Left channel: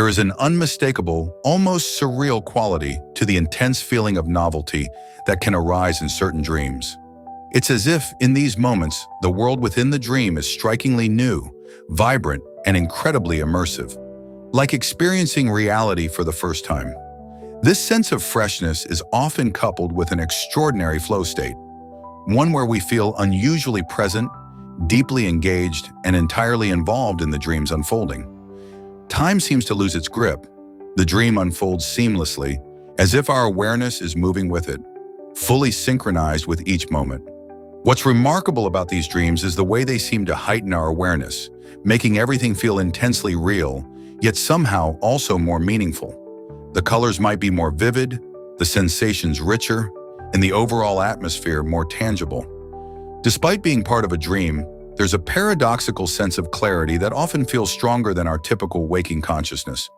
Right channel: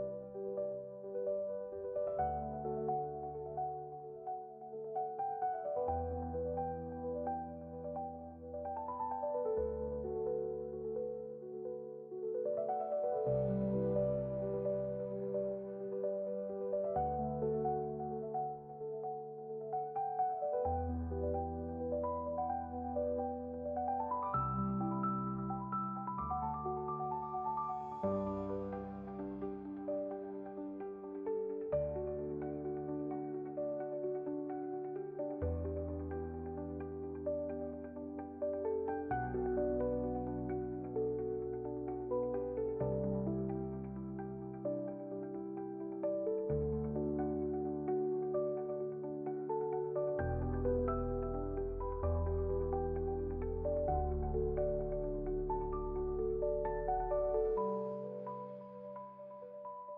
There is an unmistakable, almost surreal quality to the intense feeling of novelty that can arise in certain dreams. It's as if, in these moments, the world within the dream is strikingly new, vibrant, and incredibly immersive, like experiencing reality for the first time. This sense of freshness is often coupled with an extraordinary flow state, one where we feel unusually present, deeply engaged, and entirely involved in the dream's unfolding. Time seems to lose its grip. The dream unfolds seamlessly, as if our awareness is moving with it, fully synchronized with each moment. What's remarkable about these dreams is the way they seem to heighten our awareness, making everything feel intensely real, yet somehow also more meaningful. The colors might be more vivid, the sensations richer, and the overall atmosphere more tangible. Despite being part of a dream, there's a paradoxical sense of clarity that often feels stronger than our typical waking consciousness.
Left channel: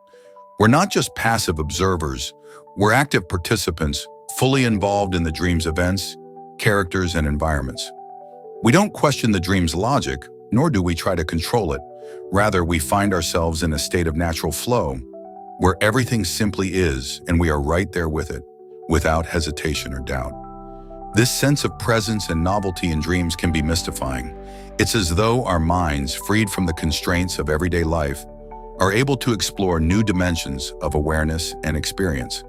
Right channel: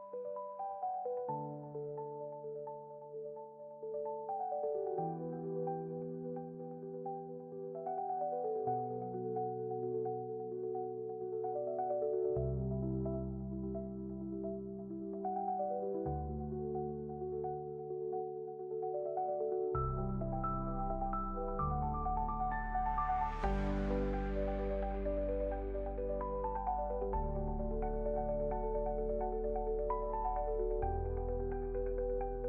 We're not just passive observers, we're active participants, fully involved in the dream's events, characters, and environments. We don't question the dream's logic, nor do we try to control it. Rather, we find ourselves in a state of natural flow, where everything simply is, and we are right there with it, without hesitation or doubt. This sense of presence and novelty in dreams can be mystifying. It's as though our minds, freed from the constraints of everyday life, are able to explore new dimensions of awareness and experience.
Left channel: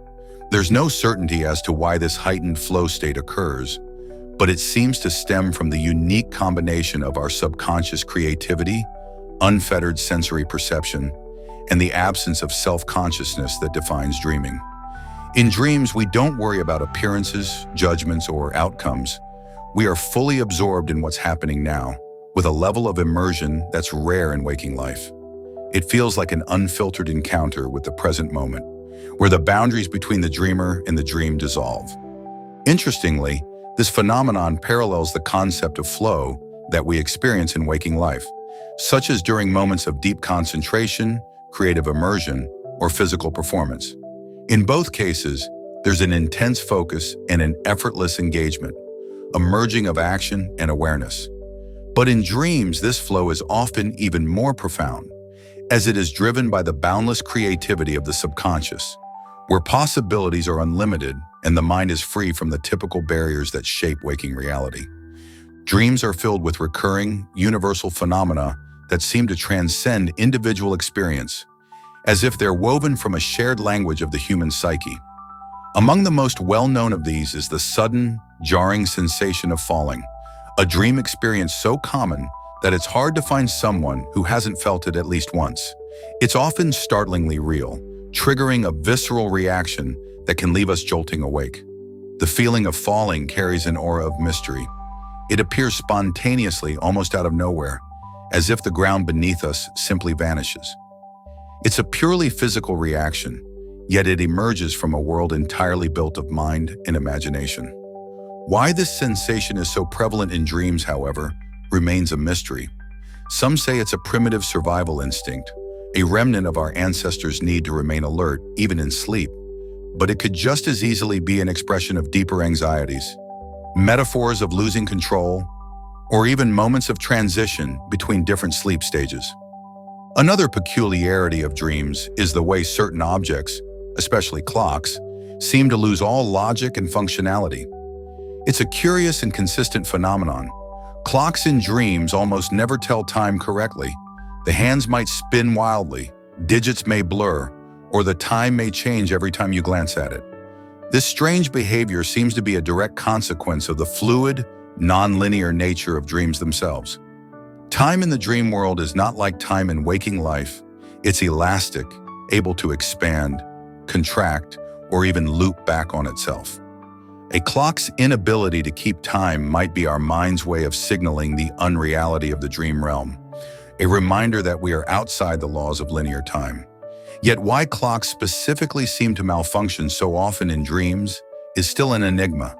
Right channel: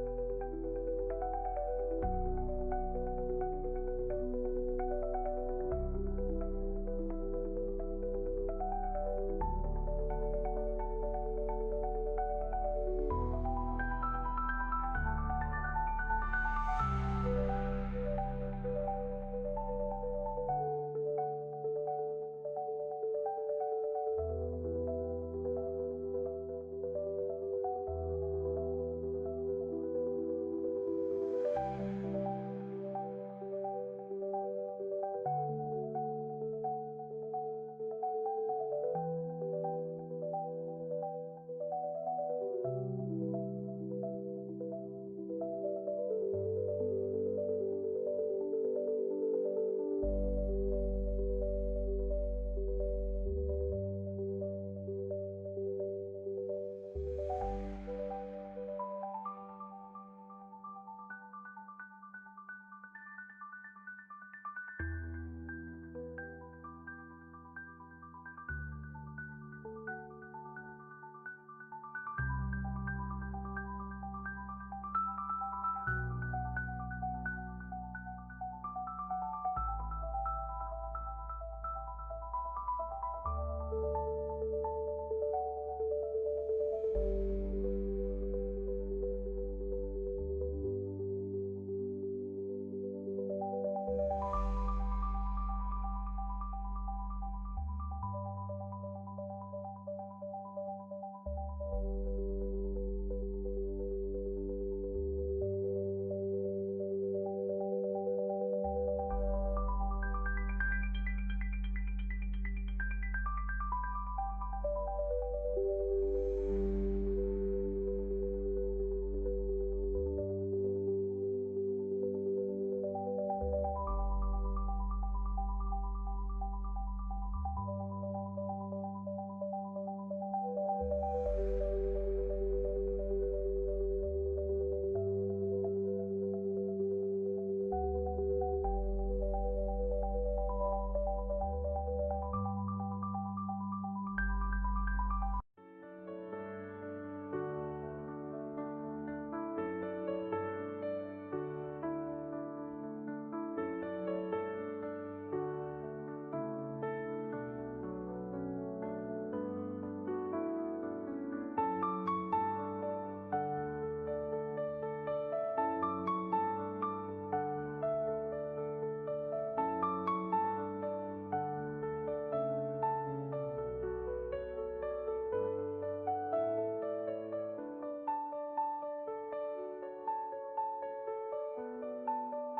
There's no certainty as to why this heightened flow state occurs, but it seems to stem from the unique combination of our subconscious creativity, unfettered sensory perception, and the absence of self-consciousness that defines dreaming. In dreams, we don't worry about appearances, judgments, or outcomes. We are fully absorbed in what's happening now, with a level of immersion that's rare in waking life. It feels like an unfiltered encounter with the present moment, where the boundaries between the dreamer and the dream dissolve. Interestingly, this phenomenon parallels the concept of flow that we experience in waking life, such as during moments of deep concentration, creative immersion, or physical performance. In both cases, there's an intense focus and an effortless engagement, a merging of action and awareness. But in dreams, this flow is often even more profound, as it is driven by the boundless creativity of the subconscious, where possibilities are unlimited and the mind is free from the typical barriers that shape waking reality. Dreams are filled with recurring, universal phenomena that seem to transcend individual experience, as if they're woven from a shared language of the human psyche. Among the most well-known of these is the sudden, jarring sensation of falling, a dream experience so common that it's hard to find someone who hasn't felt it at least once. It's often startlingly real, triggering a visceral reaction that can leave us jolting awake. The feeling of falling carries an aura of mystery. It appears spontaneously, almost out of nowhere, as if the ground beneath us simply vanishes. It's a purely physical reaction, yet it emerges from a world entirely built of mind and imagination. Why this sensation is so prevalent in dreams, however, remains a mystery. Some say it's a primitive survival instinct, a remnant of our ancestors' need to remain alert, even in sleep. But it could just as easily be an expression of deeper anxieties, metaphors of losing control, or even moments of transition between different sleep stages. Another peculiarity of dreams is the way certain objects, especially clocks, seem to lose all logic and functionality. It's a curious and consistent phenomenon. Clocks in dreams almost never tell time correctly. The hands might spin wildly, digits may blur, or the time may change every time you glance at it. This strange behavior seems to be a direct consequence of the fluid, non-linear nature of dreams themselves. Time in the dream world is not like time in waking life. It's elastic, able to expand, contract, or even loop back on itself. A clock's inability to keep time might be our mind's way of signaling the unreality of the dream realm, a reminder that we are outside the laws of linear time. Yet why clocks specifically seem to malfunction so often in dreams is still an enigma,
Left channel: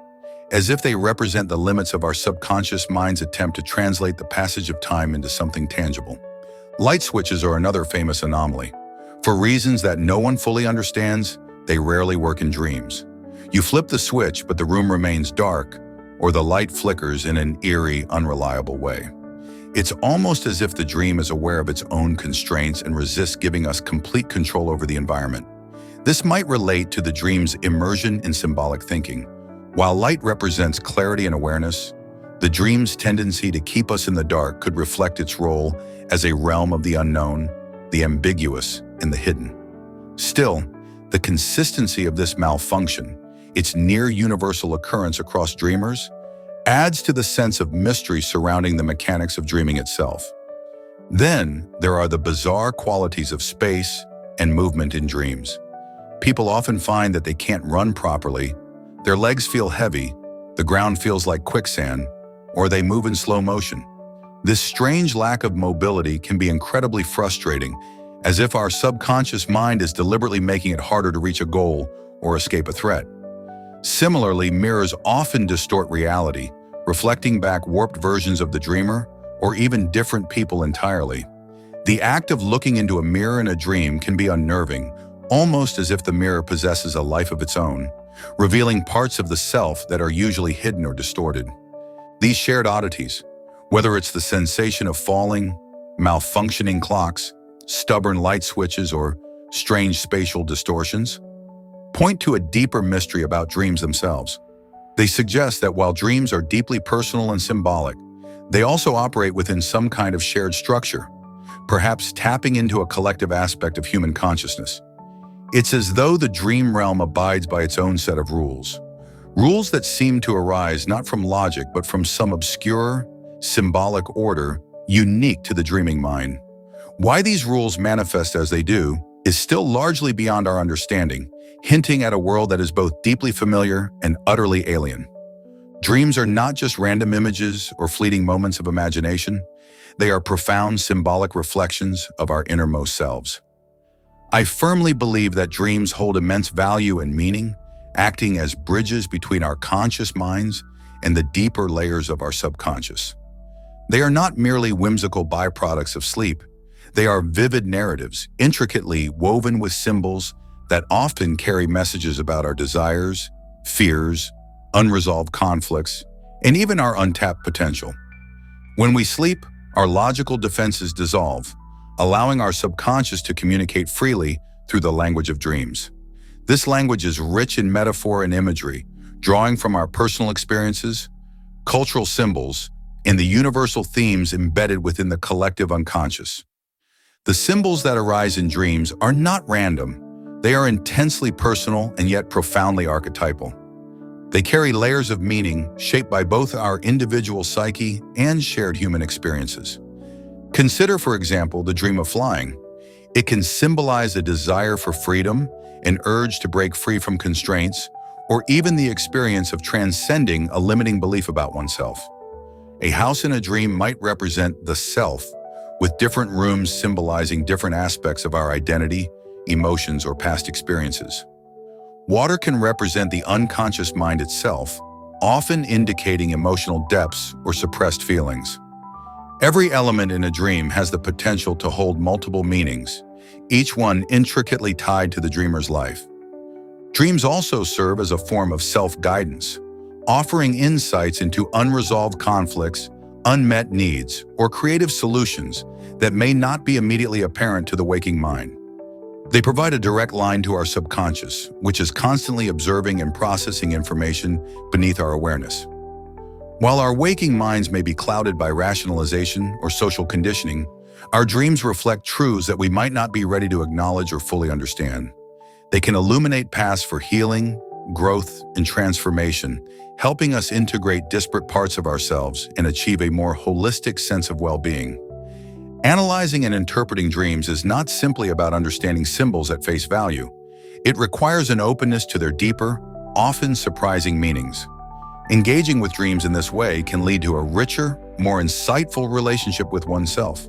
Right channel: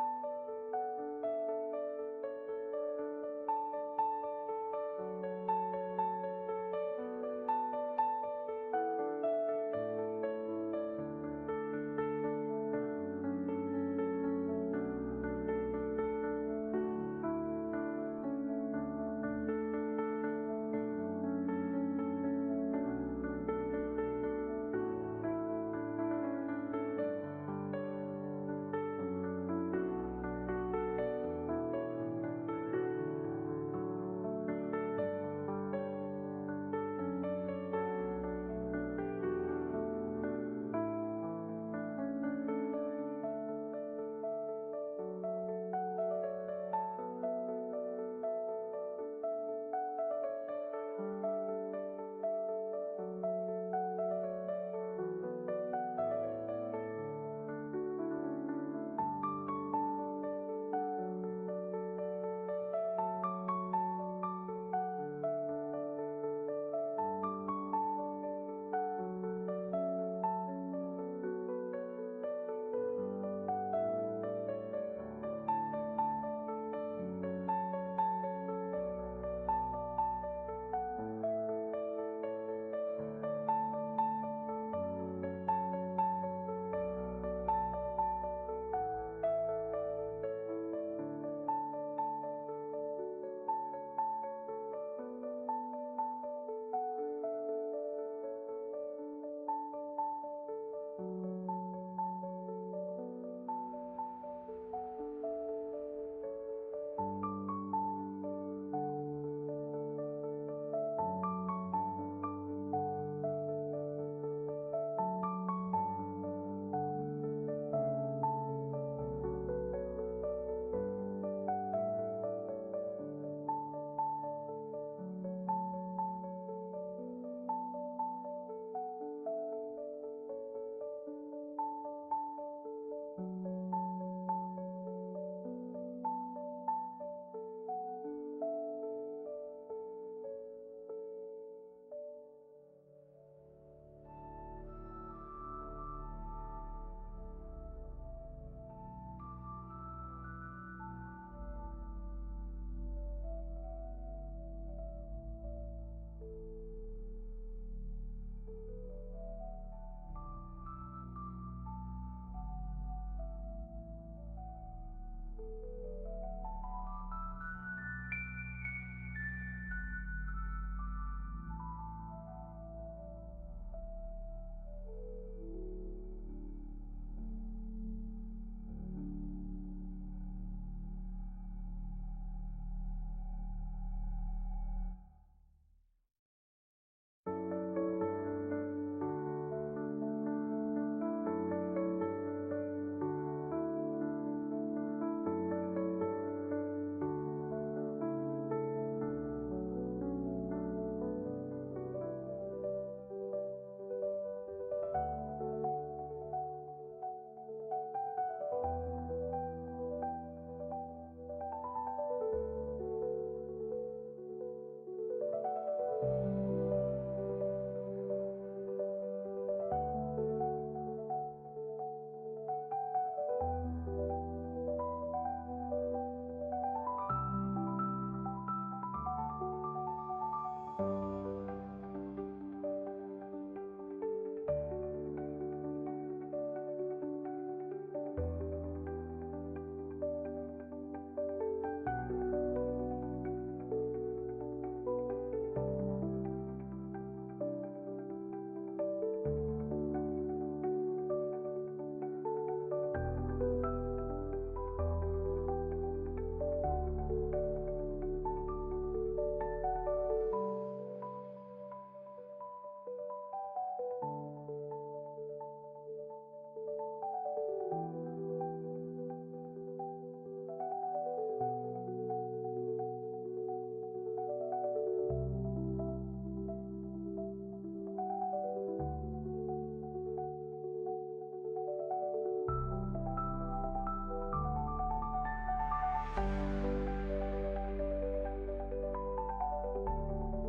as if they represent the limits of our subconscious mind's attempt to translate the passage of time into something tangible. Light switches are another famous anomaly. For reasons that no one fully understands, they rarely work in dreams. You flip the switch, but the room remains dark, or the light flickers in an eerie, unreliable way. It's almost as if the dream is aware of its own constraints and resists giving us complete control over the environment. This might relate to the dream's immersion in symbolic thinking. While light represents clarity and awareness, the dream's tendency to keep us in the dark could reflect its role as a realm of the unknown, the ambiguous, and the hidden. Still, the consistency of this malfunction, its near-universal occurrence across dreamers, adds to the sense of mystery surrounding the mechanics of dreaming itself. Then, there are the bizarre qualities of space and movement in dreams. People often find that they can't run properly, their legs feel heavy, the ground feels like quicksand, or they move in slow motion. This strange lack of mobility can be incredibly frustrating, as if our subconscious mind is deliberately making it harder to reach a goal or escape a threat. Similarly, mirrors often distort reality, reflecting back warped versions of the dreamer or even different people entirely. The act of looking into a mirror in a dream can be unnerving, almost as if the mirror possesses a life of its own, revealing parts of the self that are usually hidden or distorted. These shared oddities, whether it's the sensation of falling, malfunctioning clocks, stubborn light switches, or strange spatial distortions, point to a deeper mystery about dreams themselves. They suggest that while dreams are deeply personal and symbolic, they also operate within some kind of shared structure, perhaps tapping into a collective aspect of human consciousness. It's as though the dream realm abides by its own set of rules. Rules that seem to arise not from logic but from some obscure, symbolic order unique to the dreaming mind. Why these rules manifest as they do is still largely beyond our understanding, hinting at a world that is both deeply familiar and utterly alien. Dreams are not just random images or fleeting moments of imagination. They are profound symbolic reflections of our innermost selves. I firmly believe that dreams hold immense value and meaning, acting as bridges between our conscious minds and the deeper layers of our subconscious. They are not merely whimsical byproducts of sleep. They are vivid narratives, intricately woven with symbols that often carry messages about our desires, fears, unresolved conflicts, and even our untapped potential. When we sleep, our logical defenses dissolve, allowing our subconscious to communicate freely through the language of dreams. This language is rich in metaphor and imagery, drawing from our personal experiences, cultural symbols, and the universal themes embedded within the collective unconscious. The symbols that arise in dreams are not random. They are intensely personal and yet profoundly archetypal. They carry layers of meaning shaped by both our individual psyche and shared human experiences. Consider, for example, the dream of flying. It can symbolize a desire for freedom, an urge to break free from constraints, or even the experience of transcending a limiting belief about oneself. A house in a dream might represent the self, with different rooms symbolizing different aspects of our identity, emotions, or past experiences. Water can represent the unconscious mind itself, often indicating emotional depths or suppressed feelings. Every element in a dream has the potential to hold multiple meanings, each one intricately tied to the dreamer's life. Dreams also serve as a form of self-guidance, offering insights into unresolved conflicts, unmet needs, or creative solutions that may not be immediately apparent to the waking mind. They provide a direct line to our subconscious, which is constantly observing and processing information beneath our awareness. While our waking minds may be clouded by rationalization or social conditioning, our dreams reflect truths that we might not be ready to acknowledge or fully understand. They can illuminate paths for healing, growth, and transformation, helping us integrate disparate parts of ourselves and achieve a more holistic sense of well-being. Analyzing and interpreting dreams is not simply about understanding symbols at face value. It requires an openness to their deeper, often surprising meanings. Engaging with dreams in this way can lead to a richer, more insightful relationship with oneself.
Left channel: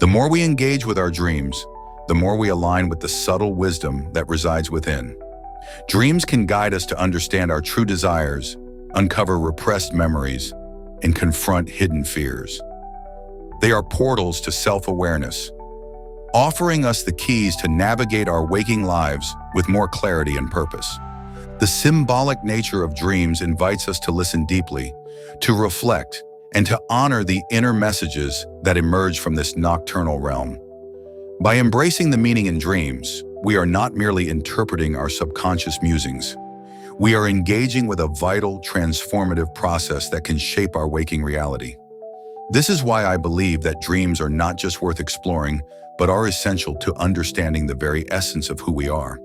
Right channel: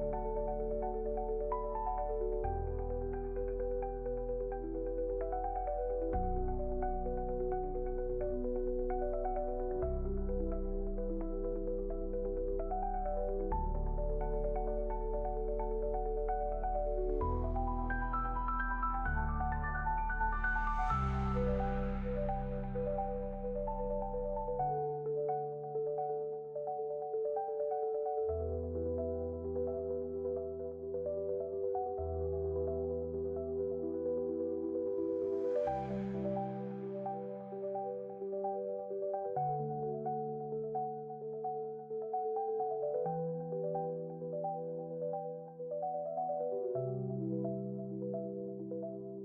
The more we engage with our dreams, the more we align with the subtle wisdom that resides within. Dreams can guide us to understand our true desires, uncover repressed memories, and confront hidden fears. They are portals to self-awareness, offering us the keys to navigate our waking lives with more clarity and purpose. The symbolic nature of dreams invites us to listen deeply, to reflect, and to honor the inner messages that emerge from this nocturnal realm. By embracing the meaning in dreams, we are not merely interpreting our subconscious musings. We are engaging with a vital, transformative process that can shape our waking reality. This is why I believe that dreams are not just worth exploring, but are essential to understanding the very essence of who we are.